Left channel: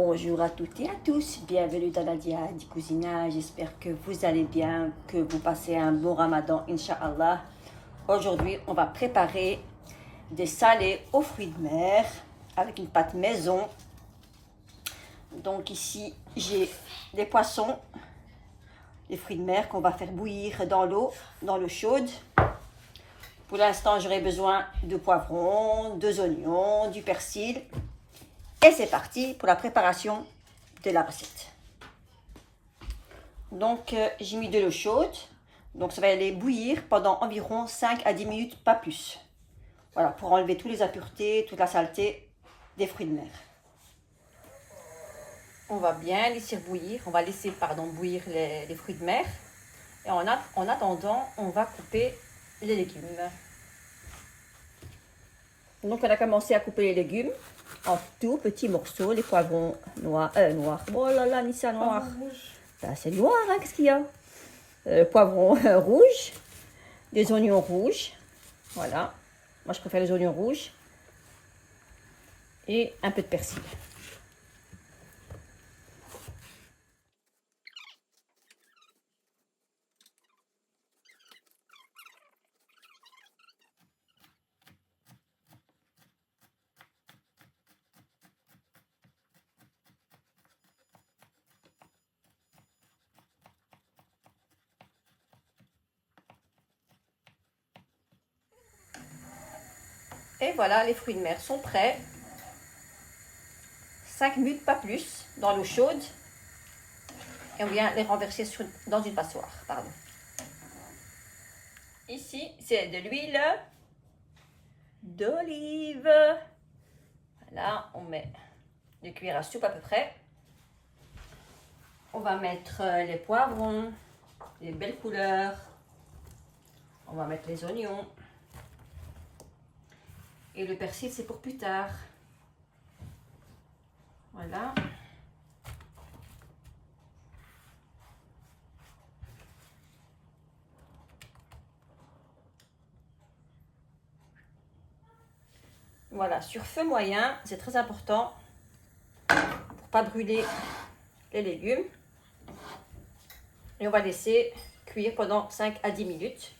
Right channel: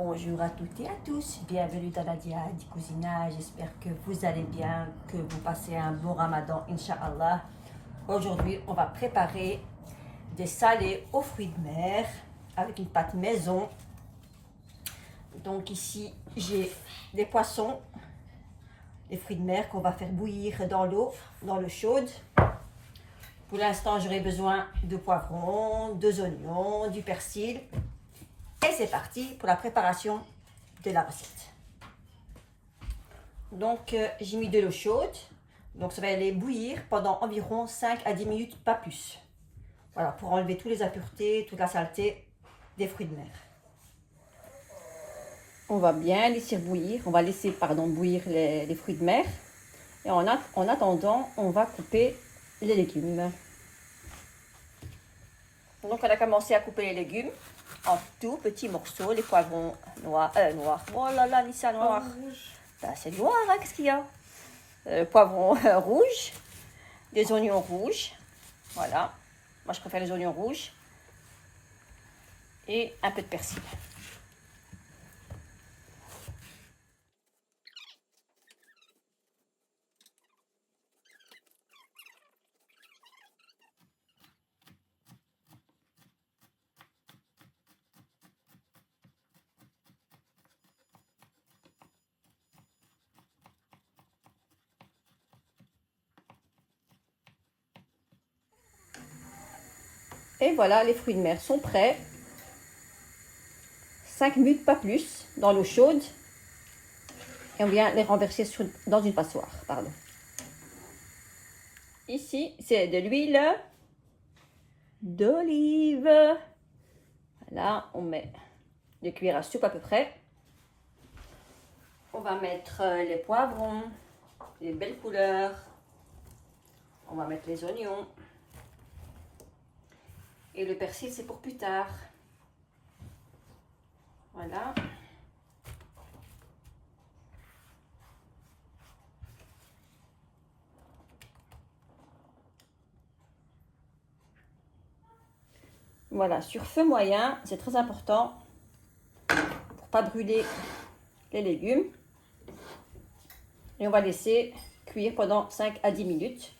Bonjour à toutes et à tous, bienvenue dans Nadia du cousinage, j'espère que vous allez bien, que vous passez un bon ramadan, Inch'Allah. Aujourd'hui, on va préparer des salés aux fruits de mer avec une pâte maison. Donc ici, j'ai des poissons, des fruits de mer qu'on va faire bouillir dans l'eau chaude. Pour l'instant, j'aurai besoin de poivrons, deux oignons, du persil. Et c'est parti pour la préparation de la recette. Donc, j'ai mis de l'eau chaude. Donc, ça va aller bouillir pendant environ 5 à 10 minutes, pas plus. Voilà, pour enlever toutes les impuretés, toute la saleté des fruits de mer. On va bien laisser bouillir. On va laisser, bouillir les fruits de mer. Et en attendant, on va couper les légumes. Donc, on a commencé à couper les légumes en tout petits morceaux, les poivrons noirs. Oh là là, Nissa, noir. Là, c'est noir, hein, qu'est-ce qu'il y a? Poivrons rouges, des oignons rouges. Voilà. Moi, je préfère les oignons rouges. Et un peu de persil. Et voilà, les fruits de mer sont prêts. 5 minutes, pas plus, dans l'eau chaude. Et on vient les renverser dans une passoire. Pardon. Ici, c'est de l'huile d'olive. Là, on met 2 cuillères à soupe à peu près. On va mettre les poivrons, les belles couleurs. On va mettre les oignons. Et le persil, c'est pour plus tard. Voilà. Voilà, sur feu moyen, c'est très important pour pas brûler les légumes. Et on va laisser cuire pendant 5 à 10 minutes.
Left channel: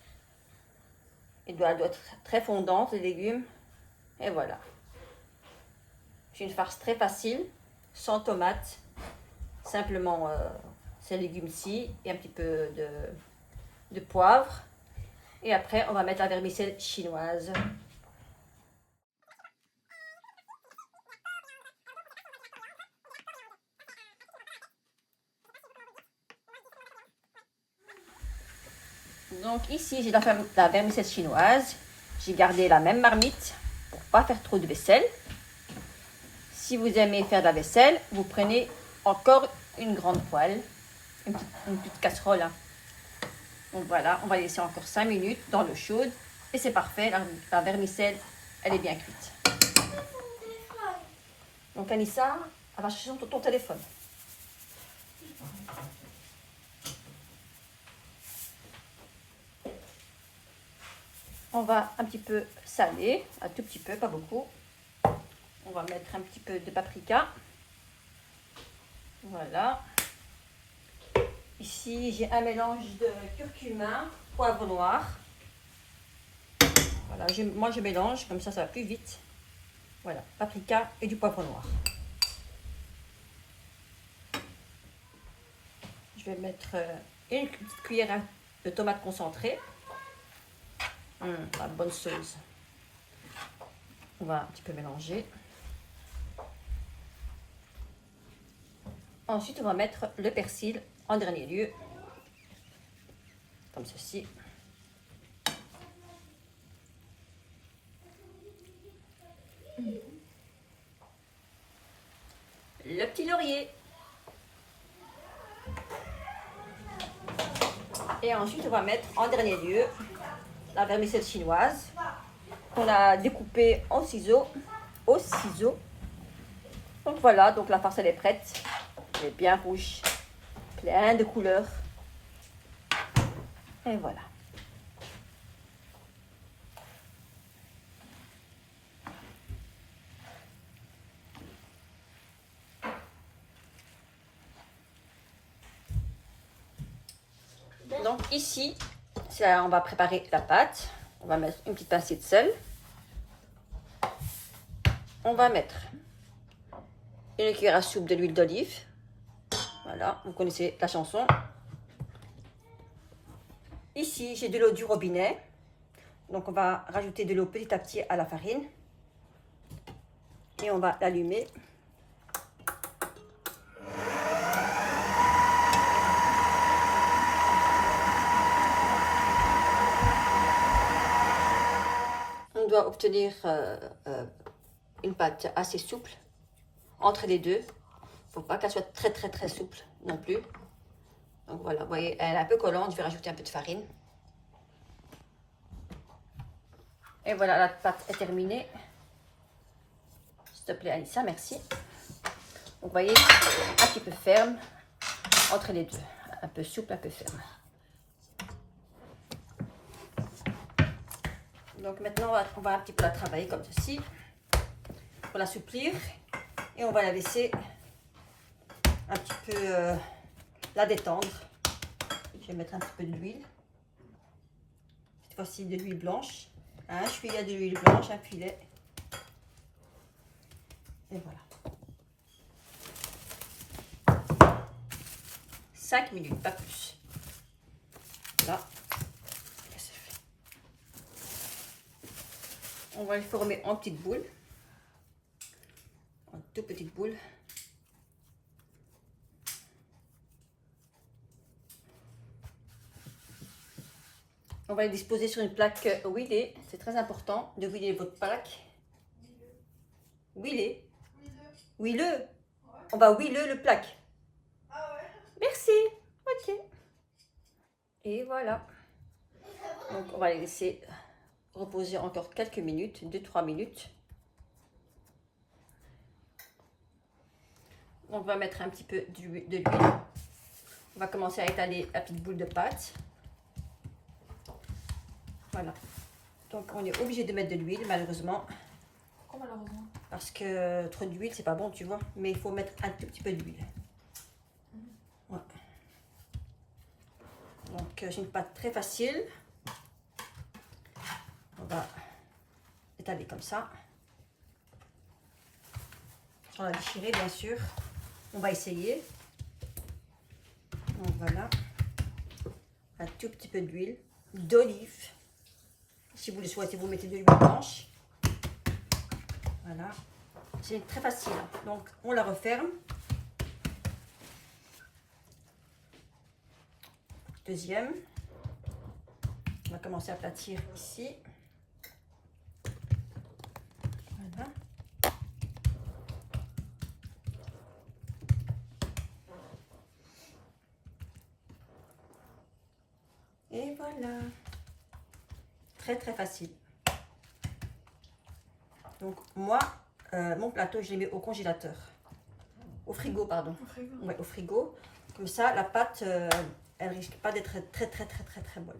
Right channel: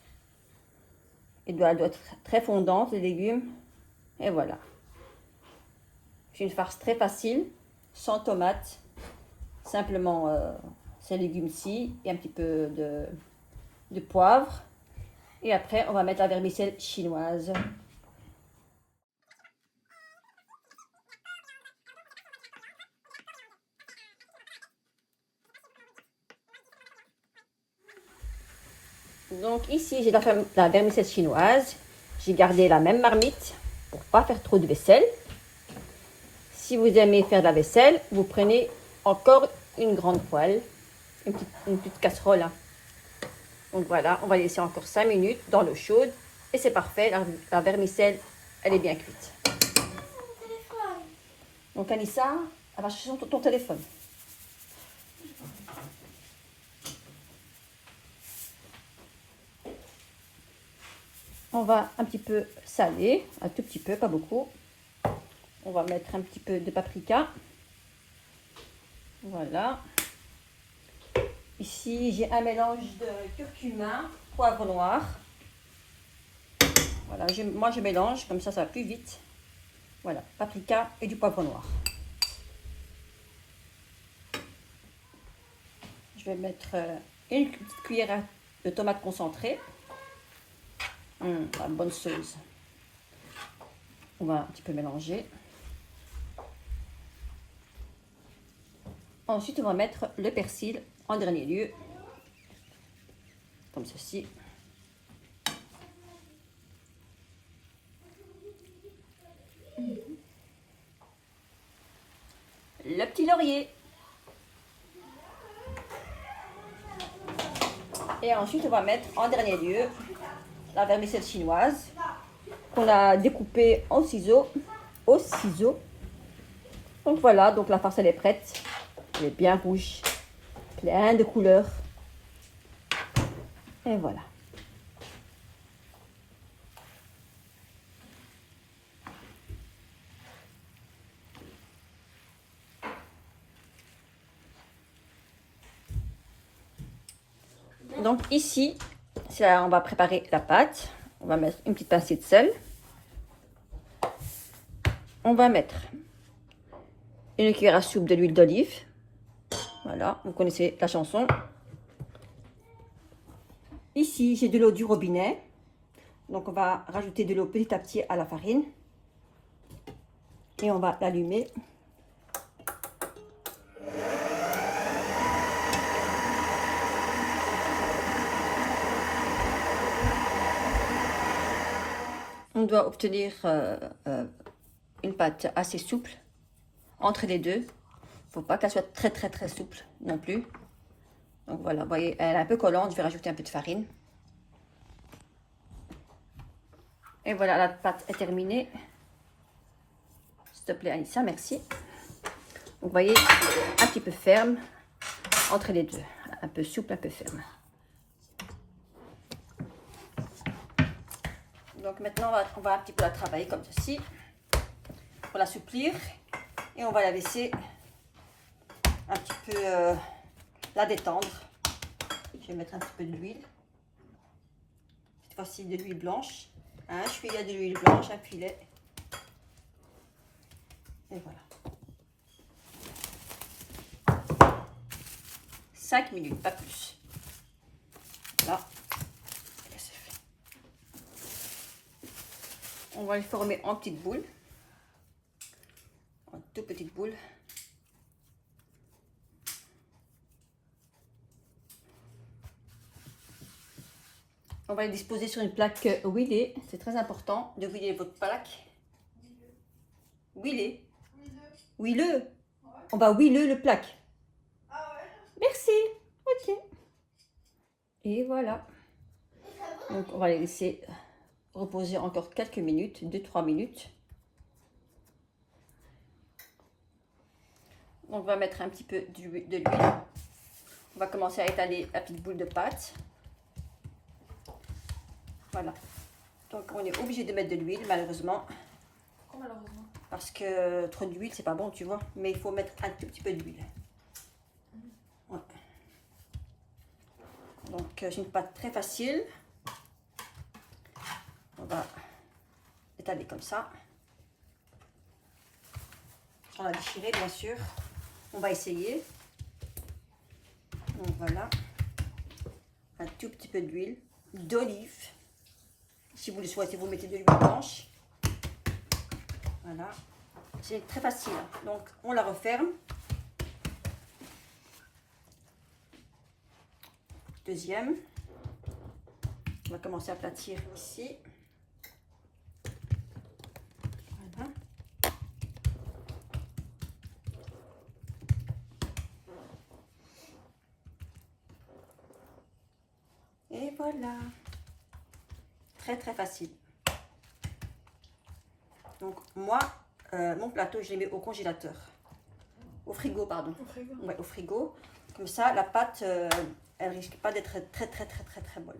Elle doit être très fondante, les légumes. Et voilà. C'est une farce très facile, sans tomates. Simplement ces légumes-ci et un petit peu de poivre. Et après, on va mettre la vermicelle chinoise. Donc ici, j'ai la vermicelle chinoise. J'ai gardé la même marmite pour pas faire trop de vaisselle. Si vous aimez faire de la vaisselle, vous prenez encore une grande poêle, une petite casserole. Donc voilà, on va laisser encore 5 minutes dans l'eau chaude. Et c'est parfait, la vermicelle, elle est bien cuite. Donc Anissa, elle va chercher ton téléphone. On va un petit peu saler, un tout petit peu, pas beaucoup. On va mettre un petit peu de paprika. Voilà. Ici, j'ai un mélange de curcuma, poivre noir. Voilà, moi je mélange, comme ça va plus vite. Voilà, paprika et du poivre noir. Je vais mettre une petite cuillère de tomate concentrée. La bonne sauce. On va un petit peu mélanger. Ensuite, on va mettre le persil en dernier lieu. Comme ceci. Le petit laurier. Et ensuite, on va mettre en dernier lieu la vermicelle chinoise qu'on a découpée en ciseaux, au ciseau. Donc voilà, donc la farce elle est prête. Elle est bien rouge, plein de couleurs. Et voilà. Donc ici, là, on va préparer la pâte. On va mettre une petite pincée de sel. On va mettre une cuillère à soupe de l'huile d'olive. Voilà, vous connaissez la chanson. Ici, j'ai de l'eau du robinet. Donc, on va rajouter de l'eau petit à petit à la farine. Et on va l'allumer. On doit obtenir une pâte assez souple entre les deux. Il ne faut pas qu'elle soit très souple non plus. Donc voilà, vous voyez, elle est un peu collante. Je vais rajouter un peu de farine. Et voilà, la pâte est terminée. S'il te plaît, Aïssa, merci. Vous voyez, un petit peu ferme entre les deux. Un peu souple, un peu ferme. Donc maintenant, on va un petit peu la travailler comme ceci. Pour l'assouplir. Et on va la laisser un petit peu la détendre. Je vais mettre un petit peu d'huile. Cette fois-ci de l'huile blanche. Un filet de l'huile blanche, un filet. Et voilà. 5 minutes, pas plus. Là. C'est fait. On va les former en petites boules. En toutes petites boules. On va les disposer sur une plaque huilée. C'est très important de huiler votre plaque. Huiler. Huileux. Ouais. On va huiler le plaque. Ah ouais. Merci. Ok. Et voilà. Donc on va les laisser reposer encore quelques minutes, 2-3 minutes. Donc on va mettre un petit peu de l'huile. On va commencer à étaler la petite boule de pâte. Voilà. Donc on est obligé de mettre de l'huile malheureusement. Pourquoi malheureusement? Parce que trop d'huile c'est pas bon, tu vois. Mais il faut mettre un tout petit peu d'huile. Ouais. Donc j'ai une pâte très facile. On va étaler comme ça. On va déchirer bien sûr. On va essayer. Donc voilà. Un tout petit peu d'huile d'olive. Si vous le souhaitez, vous mettez de l'huile blanche. Voilà. C'est très facile. Donc, on la referme. Deuxième. On va commencer à aplatir ici. Voilà. Et voilà. Très facile. Donc moi, mon plateau, je les mets au congélateur. Au frigo, pardon. Au frigo. Ouais, au frigo. Comme ça, la pâte, elle risque pas d'être très molle.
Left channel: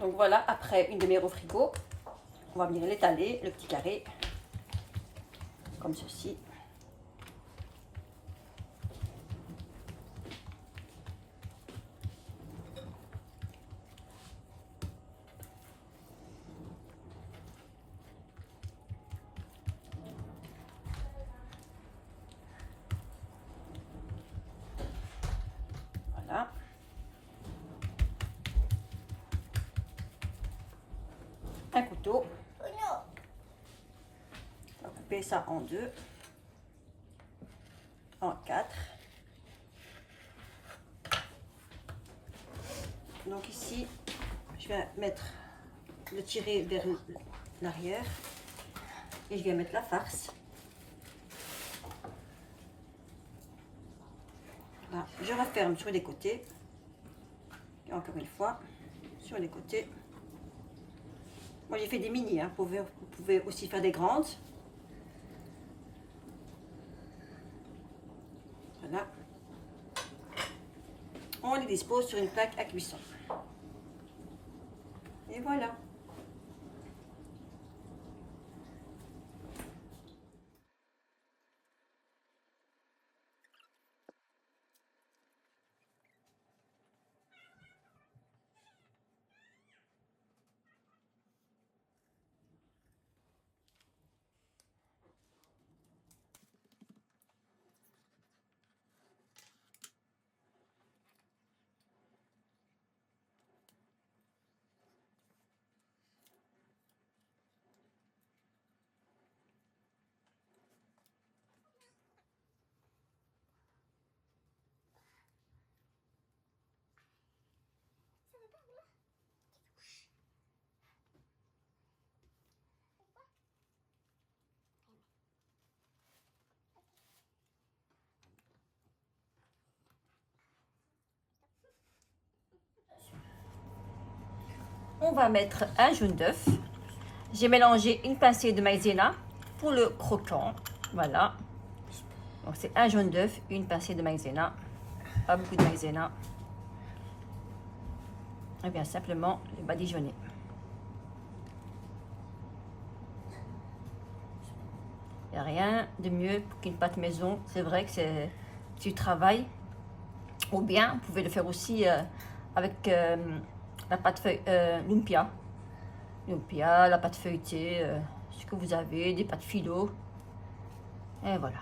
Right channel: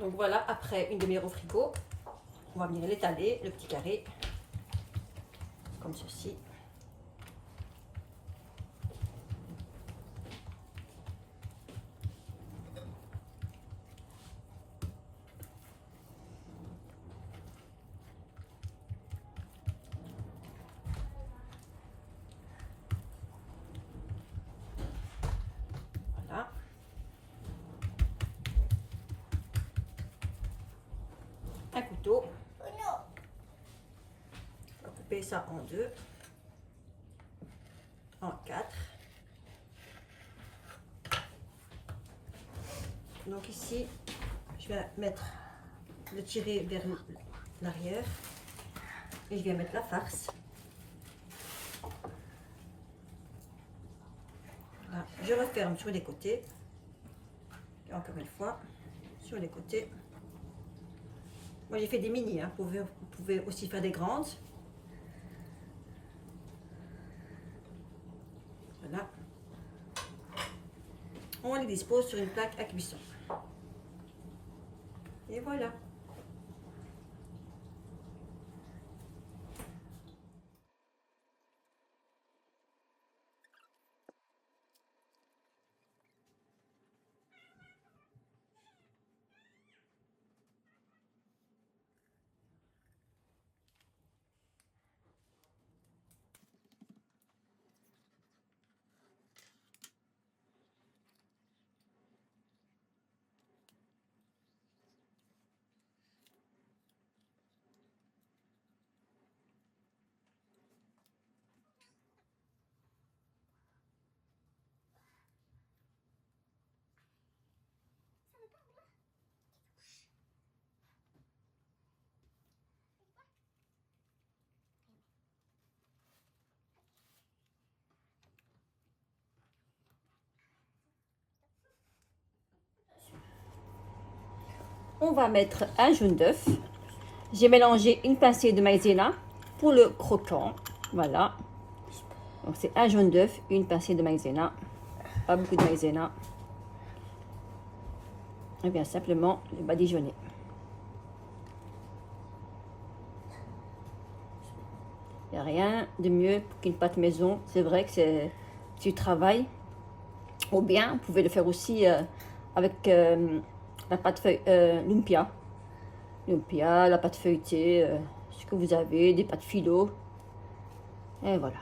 Donc voilà, après une demi-heure au frigo, on va venir l'étaler, le petit carré, comme ceci. Voilà. Un couteau. On va couper ça en deux, en quatre. Donc ici, je vais mettre le tirer vers l'arrière et je vais mettre la farce. Là, je referme sur les côtés. Et encore une fois, sur les côtés. Moi, j'ai fait des mini, hein. Vous pouvez aussi faire des grandes. Voilà. On les dispose sur une plaque à cuisson. Et voilà. on va mettre un jaune d'œuf. J'ai mélangé une pincée de maïzena pour le croquant. Voilà. Donc c'est un jaune d'œuf, une pincée de maïzena. Pas beaucoup de maïzena. Et bien simplement le badigeonner. Il n'y a rien de mieux qu'une pâte maison. C'est vrai que c'est du travail. Ou bien, vous pouvez le faire aussi avec la pâte lumpia. Lumpia, la pâte feuilletée, ce que vous avez, des pâtes philo. Et voilà.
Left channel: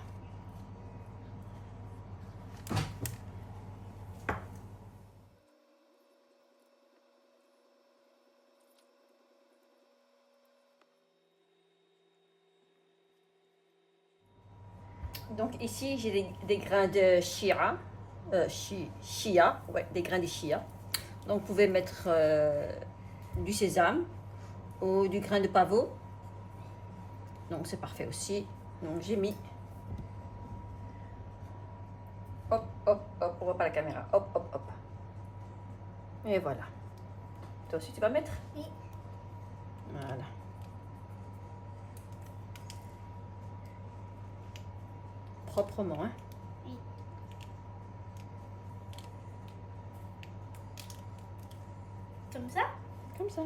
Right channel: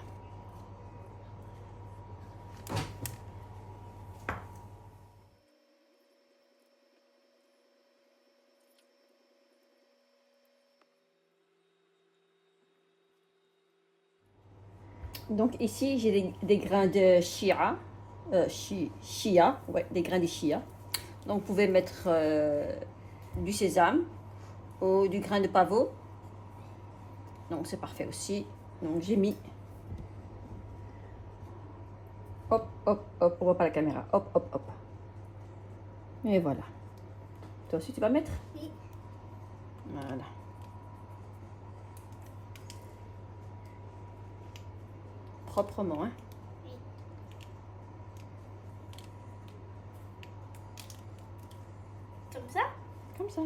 Donc ici, j'ai des grains de chia. Chia, ouais, des grains de chia. Donc vous pouvez mettre du sésame ou du grain de pavot. Donc c'est parfait aussi. Donc j'ai mis. Hop, hop, hop, on voit pas la caméra. Hop, hop, hop. Et voilà. Toi aussi tu vas mettre? Oui. Voilà. Proprement, hein? Oui. Comme ça? Comme ça.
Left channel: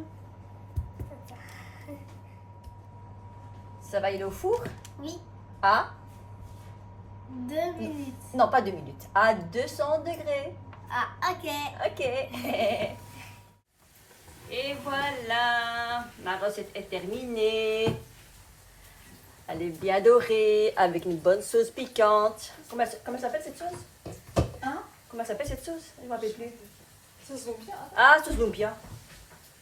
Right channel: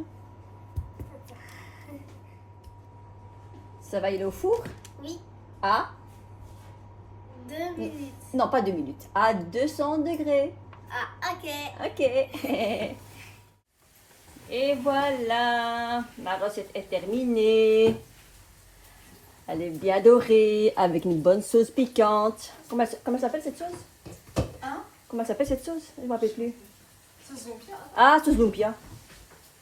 Ça va aller au four? Oui. À? 2 minutes. Non, pas 2 minutes. À 200 degrés. Ah, ok. Ok. Et voilà. Ma recette est terminée. Elle est bien dorée avec une bonne sauce piquante. Comment s'appelle cette sauce? Hein? Comment s'appelle cette sauce? Je ne me rappelle plus. Ça se voit bien. Ah, sauce lumpia.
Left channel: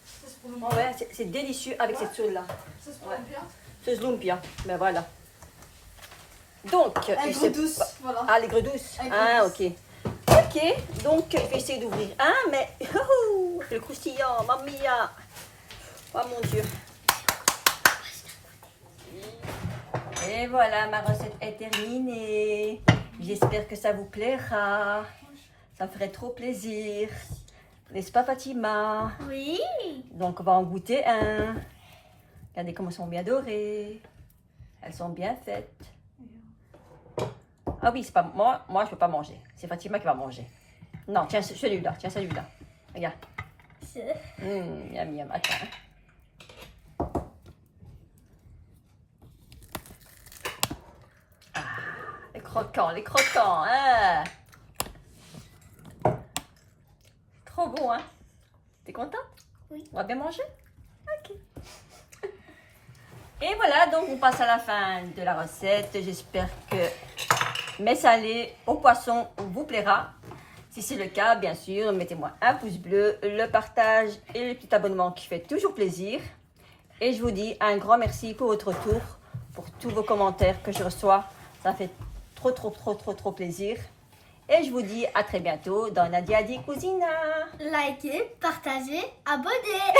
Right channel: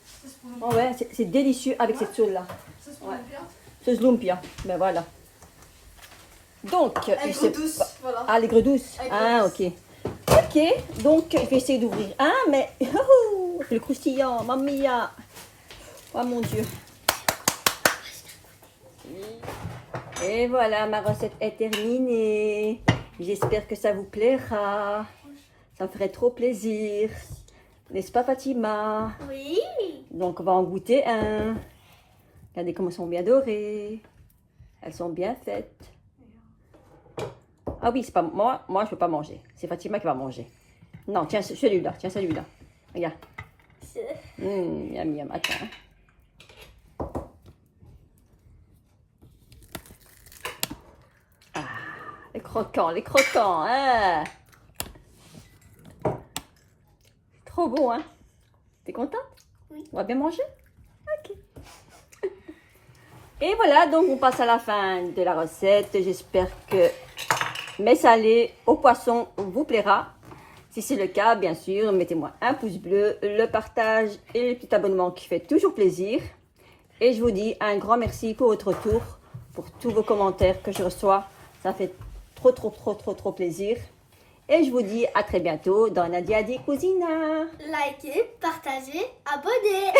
Ça se prononce Oh ouais, c'est délicieux avec cette sauce-là. Ça se prononce bien. Sauce lumpia. Ben voilà. Donc, Aigre douce, voilà. Ah, l'aigre douce. Aigre Ah, douce. ok. Ok, donc je vais essayer d'ouvrir. Ah, mais le croustillant, mamma mia. Oh mon Dieu. Et voilà, ma recette est terminée. J'espère que ça vous plaira. Ça me ferait trop plaisir. N'est-ce pas, Fatima? Oui. Donc, on va en goûter un. Regardez comment elles sont bien dorées. Elles sont bien faites. Ah oui, c'est pas moi. Moi, je peux pas manger. C'est Fatima qui va manger. Non, tiens celui-là. Tiens celui-là. Regarde. Miam, miam. Attends. Ah, les croquants, hein. Trop bon, hein. T'es contente? Oui. On va bien manger? Ok. Et voilà, donc on passe à la fin de la recette. J'espère que mes salés au poisson vous plaira. Si c'est le cas, bien sûr, mettez-moi un pouce bleu, le partage et le petit abonnement qui fait toujours plaisir. Et je vous dis un grand merci pour votre retour, pour tous vos commentaires que je reçois. Ça fait trop plaisir. Et je vous dis à très bientôt dans Nadia Di Cucina. Likez, partagez, abonnez.